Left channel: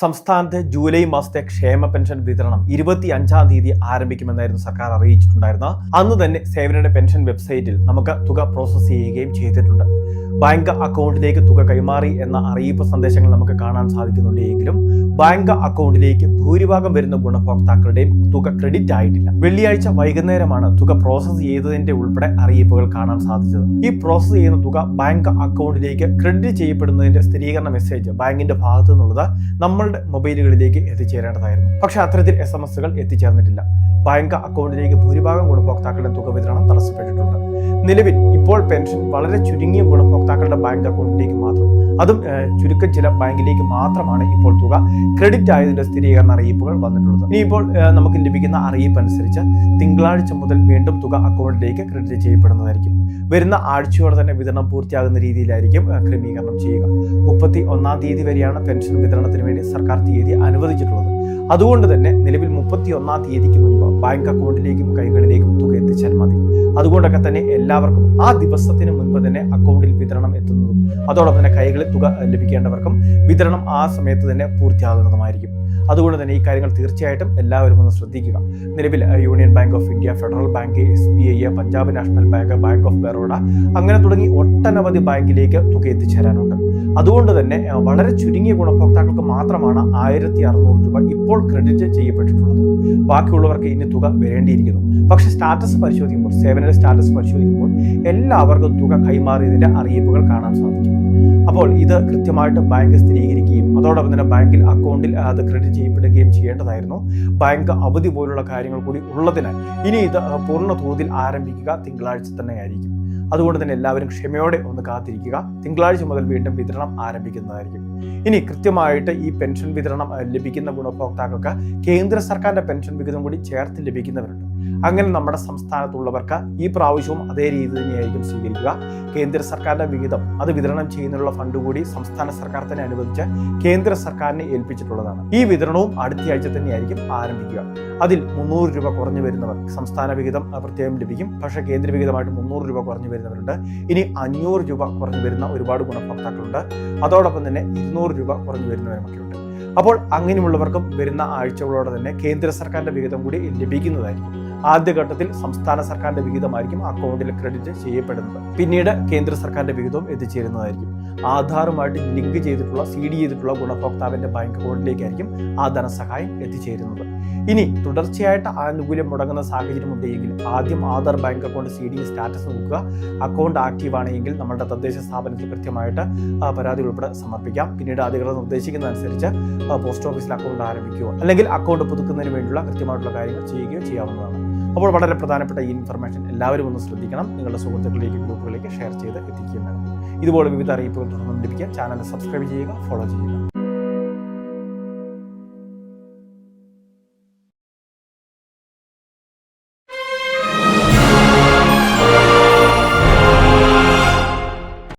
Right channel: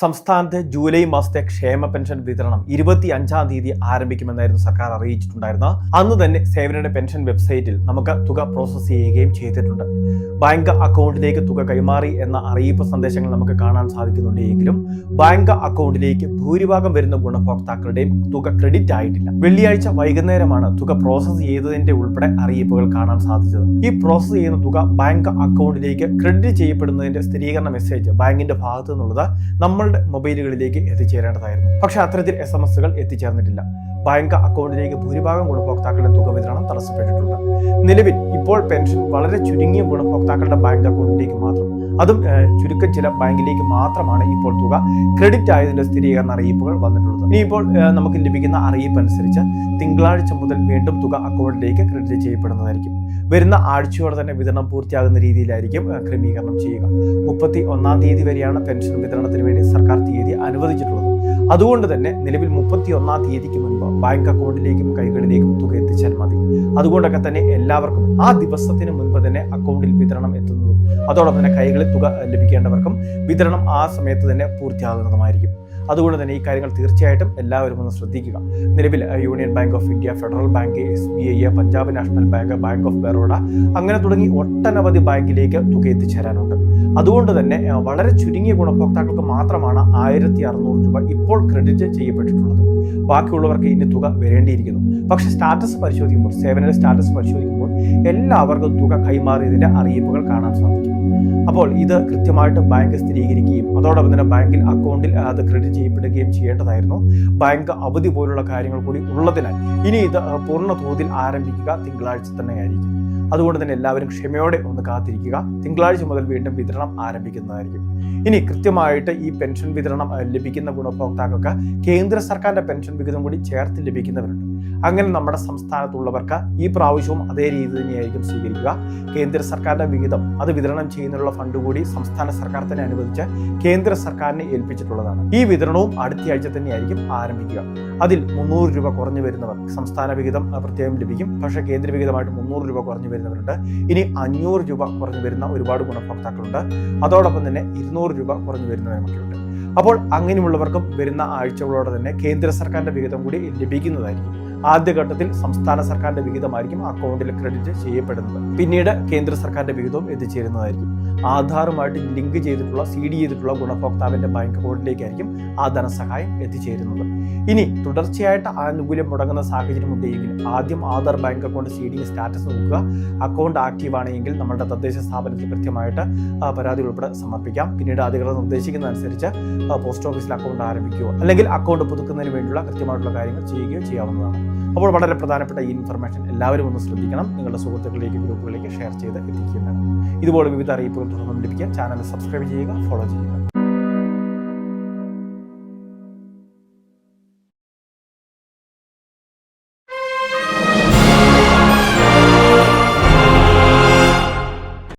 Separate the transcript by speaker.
Speaker 1: സംസ്ഥാനത്ത് ജൂലൈ മാസത്തെ ക്ഷേമ പെൻഷൻ വിതരണം ഇരുപത്തി അഞ്ചാം തീയതി ആരംഭിക്കുമെന്നായിരുന്നു സർക്കാർ അറിയിച്ചിട്ടുണ്ടായിരുന്നത്. അന്ന് തന്നെ സേവനയുടെ പെൻഷൻ വെബ്സൈറ്റിൽ നമുക്ക് തുക പ്രോസസ്സ് ചെയ്യുകയും ചെയ്തിട്ടുണ്ട്. ബാങ്ക് അക്കൗണ്ടിലേക്ക് തുക കൈമാറി എന്ന അറിയിപ്പ് സന്ദേശങ്ങൾ നമുക്ക് കാണാൻ സാധിക്കുന്നുണ്ട് എങ്കിലും ബാങ്ക് അക്കൗണ്ടിലേക്ക് ഭൂരിഭാഗം വരുന്ന ഗുണഭോക്താക്കളുടെയും തുക ക്രെഡിറ്റ് ആയിട്ടില്ല. വെള്ളിയാഴ്ച വൈകുന്നേരമാണ് തുക പ്രോസസ്സ് ചെയ്തതിന്റെ ഉൾപ്പെടെ അറിയിപ്പുകൾ കാണാൻ സാധിച്ചത്. ഈ പ്രോസസ്സ് ചെയ്യുന്ന തുക ബാങ്ക് അക്കൗണ്ടിലേക്ക് ക്രെഡിറ്റ് ചെയ്യപ്പെടുന്നതിന്റെ സ്ഥിരീകരണ മെസ്സേജ് ബാങ്കിന്റെ ഭാഗത്തു നിന്നുള്ളത് നമ്മളുടെ മൊബൈലുകളിലേക്ക് എത്തിച്ചേരേണ്ടതായിരുന്നു. പക്ഷേ അത്തരത്തിൽ എസ് എം എസുകൾ എത്തിച്ചേർന്നിട്ടില്ല. ബാങ്ക് അക്കൗണ്ടിലേക്ക് ഭൂരിഭാഗം ഗുണഭോക്താക്കളുടെ തുക വിതരണം തടസ്സപ്പെട്ടിട്ടുണ്ട്. നിലവിൽ ഇപ്പോൾ പെൻഷൻ വളരെ ചുരുങ്ങിയ ഗുണഭോക്താക്കളുടെ ബാങ്ക് അക്കൗണ്ടിലേക്ക് മാത്രം അതും ചുരുക്കം ചില ബാങ്കിലേക്ക് മാത്രമാണ് ഇപ്പോൾ തുക ക്രെഡിറ്റ് ആയതിന്റെ സ്ഥിരീകരണ അറിയിപ്പുകൾ വന്നിട്ടുള്ളത്. ഇനി ഇപ്പോൾ നമുക്ക് ലഭിക്കുന്ന അറിയിപ്പ് അനുസരിച്ച് തിങ്കളാഴ്ച മുതൽ വീണ്ടും തുക അക്കൗണ്ടിലേക്ക് ക്രെഡിറ്റ് ചെയ്യപ്പെടുന്നതായിരിക്കും. വരുന്ന ആഴ്ചയോടെ തന്നെ വിതരണം പൂർത്തിയാകുന്ന രീതിയിലായിരിക്കും ക്രമീകരണം ചെയ്യുക. മുപ്പത്തി ഒന്നാം തീയതി വരെയാണ് പെൻഷൻ വിതരണത്തിന് വേണ്ടി സർക്കാർ തീയതി അനുവദിച്ചിട്ടുള്ളത്. അതുകൊണ്ട് തന്നെ നിലവിൽ മുപ്പത്തി ഒന്നാം തീയതിക്ക് മുൻപ് ബാങ്ക് അക്കൗണ്ടിലേക്കും കൈകളിലേക്കും തുക എത്തിച്ചാൽ മതി. അതുകൊണ്ടൊക്കെ തന്നെ എല്ലാവർക്കും ആ ദിവസത്തിന് മുൻപ് തന്നെ അക്കൗണ്ടിൽ വിതരണം എത്തുന്നതും അതോടൊപ്പം തന്നെ കൈകളിൽ തുക ലഭിക്കേണ്ടവർക്കും വിതരണം ആ സമയത്ത് തന്നെ പൂർത്തിയാകുന്നതുമായിരിക്കും. അതുകൊണ്ട് തന്നെ ഈ കാര്യങ്ങൾ തീർച്ചയായിട്ടും എല്ലാവരും ഒന്ന് ശ്രദ്ധിക്കുക. നിലവിൽ Union Bank of India Federal Bank S B I Punjab National Bank Bank of Baroda അങ്ങനെ തുടങ്ങി ഒട്ടനവധി ബാങ്കിലേക്ക് തുക എത്തിച്ചേരാനുണ്ട്. അതുകൊണ്ട് തന്നെ വളരെ ചുരുങ്ങിയ ഗുണഭോക്താക്കൾക്ക് മാത്രമാണ് ആയിരത്തി അറുന്നൂറ് രൂപ ഇപ്പോൾ ക്രെഡിറ്റ് ചെയ്യപ്പെട്ടിട്ടുള്ളത്. ബാക്കിയുള്ളവർക്ക് ഇനി തുക വരേണ്ടിയിരിക്കുന്നു. പക്ഷേ സ്റ്റാറ്റസ് പരിശോധിക്കുമ്പോൾ സേവന സ്റ്റാറ്റസ് പരിശോധിക്കുമ്പോൾ എല്ലാവർക്കും തുക കൈമാറിയതിന്റെ അറിയിപ്പുകൾ കാണാൻ സാധിക്കും. അപ്പോൾ ഇത് കൃത്യമായിട്ട് ബാങ്ക് സ്ഥിരീകരിക്കുകയും അതോടൊപ്പം തന്നെ ബാങ്കിൽ അക്കൗണ്ടിൽ അത് ക്രെഡിറ്റ് ചെയ്യപ്പെടുകയും ചെയ്യേണ്ടതായിരുന്നു. ബാങ്ക് അവധി പോലുള്ള കാര്യങ്ങൾ കൂടി ഉള്ളതിനാൽ ഇനി ഇത് പൂർണ തോതിൽ ആരംഭിക്കുക തിങ്കളാഴ്ച തന്നെയായിരിക്കും. അതുകൊണ്ട് തന്നെ എല്ലാവരും ക്ഷമയോടെ ഒന്ന് കാത്തിരിക്കുക. തിങ്കളാഴ്ച മുതൽ വീണ്ടും വിതരണം ആരംഭിക്കുന്നതായിരിക്കും. ഇനി കൃത്യമായിട്ട് ഈ പെൻഷൻ വിതരണം ലഭിക്കുന്ന ഗുണഭോക്താക്കൾക്ക് കേന്ദ്ര സർക്കാരിന്റെ പെൻഷൻ വിഹിതം കൂടി ചേർത്ത് ലഭിക്കുന്നവരുണ്ട്. അങ്ങനെ നമ്മുടെ സംസ്ഥാനത്തുള്ളവർക്ക് ഈ പ്രാവശ്യവും അതേ രീതി തന്നെയായിരിക്കും സ്വീകരിക്കുക. കേന്ദ്ര സർക്കാരിന്റെ വിഹിതം അത് വിതരണം ചെയ്യുന്നതിനുള്ള ഫണ്ട് കൂടി സംസ്ഥാന സർക്കാർ തന്നെ അനുവദിച്ച് കേന്ദ്ര സർക്കാരിനെ ഏൽപ്പിച്ചിട്ടുള്ളതാണ്. ഈ വിതരണവും അടുത്തയാഴ്ച തന്നെയായിരിക്കും ആരംഭിക്കുക. അതിൽ മുന്നൂറ് രൂപ കുറഞ്ഞു വരുന്നവർ സംസ്ഥാന വിഹിതം പ്രത്യേകം ലഭിക്കും. പക്ഷേ കേന്ദ്ര വിഹിതമായിട്ട് മുന്നൂറ് രൂപ കുറഞ്ഞു വരുന്നവരുണ്ട്. ഇനി അഞ്ഞൂറ് രൂപ കുറഞ്ഞു വരുന്ന ഒരുപാട് ഗുണഭോക്താക്കളുണ്ട്. അതോടൊപ്പം തന്നെ ഇരുന്നൂറ് രൂപ കുറഞ്ഞു വരുന്നവരുമൊക്കെ ഉണ്ട് അപ്പോൾ അങ്ങനെയുള്ളവർക്കും വരുന്ന ആഴ്ചകളോടെ തന്നെ കേന്ദ്ര സർക്കാരിന്റെ വിഹിതം കൂടി ലഭിക്കുന്നതായിരിക്കും. ആദ്യഘട്ടത്തിൽ സംസ്ഥാന സർക്കാരിന്റെ വിഹിതമായിരിക്കും അക്കൗണ്ടിൽ ക്രെഡിറ്റ് ചെയ്യപ്പെടുന്നത്. പിന്നീട് കേന്ദ്ര സർക്കാരിന്റെ വിഹിതവും എത്തിച്ചേരുന്നതായിരിക്കും. ആധാറുമായിട്ട് ലിങ്ക് ചെയ്തിട്ടുള്ള സി ഡി ചെയ്തിട്ടുള്ള ഗുണഭോക്താവിന്റെ ബാങ്ക് അക്കൗണ്ടിലേക്കായിരിക്കും ആ ധനസഹായം എത്തിച്ചേരുന്നത്. ഇനി തുടർച്ചയായിട്ട് ആനുകൂല്യം മുടങ്ങുന്ന സാഹചര്യം ഉണ്ടെങ്കിൽ ആദ്യം Aadhaar bank account C D status നോക്കുക. അക്കൗണ്ട് ആക്റ്റീവ് ആണെങ്കിൽ നമ്മുടെ തദ്ദേശ സ്ഥാപനത്തിൽ കൃത്യമായിട്ട് പരാതി ഉൾപ്പെടെ സമർപ്പിക്കാം. പിന്നീട് അധികൃതർ നിർദ്ദേശിക്കുന്നതനുസരിച്ച് പോസ്റ്റ് ഓഫീസിൽ അക്കൗണ്ട് ആരംഭിക്കുകയോ അല്ലെങ്കിൽ അക്കൗണ്ട് പുതുക്കുന്നതിന് വേണ്ടിയുള്ള കൃത്യമായിട്ടുള്ള കാര്യങ്ങൾ ചെയ്യുകയോ ചെയ്യാവുന്നതാണ്. അപ്പോൾ വളരെ പ്രധാനപ്പെട്ട ഈ ഇൻഫർമേഷൻ എല്ലാവരും ഒന്ന് ശ്രദ്ധിക്കണം. നിങ്ങളുടെ സുഹൃത്തുക്കളിലേക്ക് ഗ്രൂപ്പുകളിലേക്ക് ഷെയർ ചെയ്ത് എത്തിക്കുകയും വേണം ഇതുപോലെ വിവിധ അറിയിപ്പുകൾ തുടർന്നും ലഭിക്കാൻ ചാനൽ സബ്സ്ക്രൈബ് ചെയ്യുക ഫോളോ ചെയ്യുക.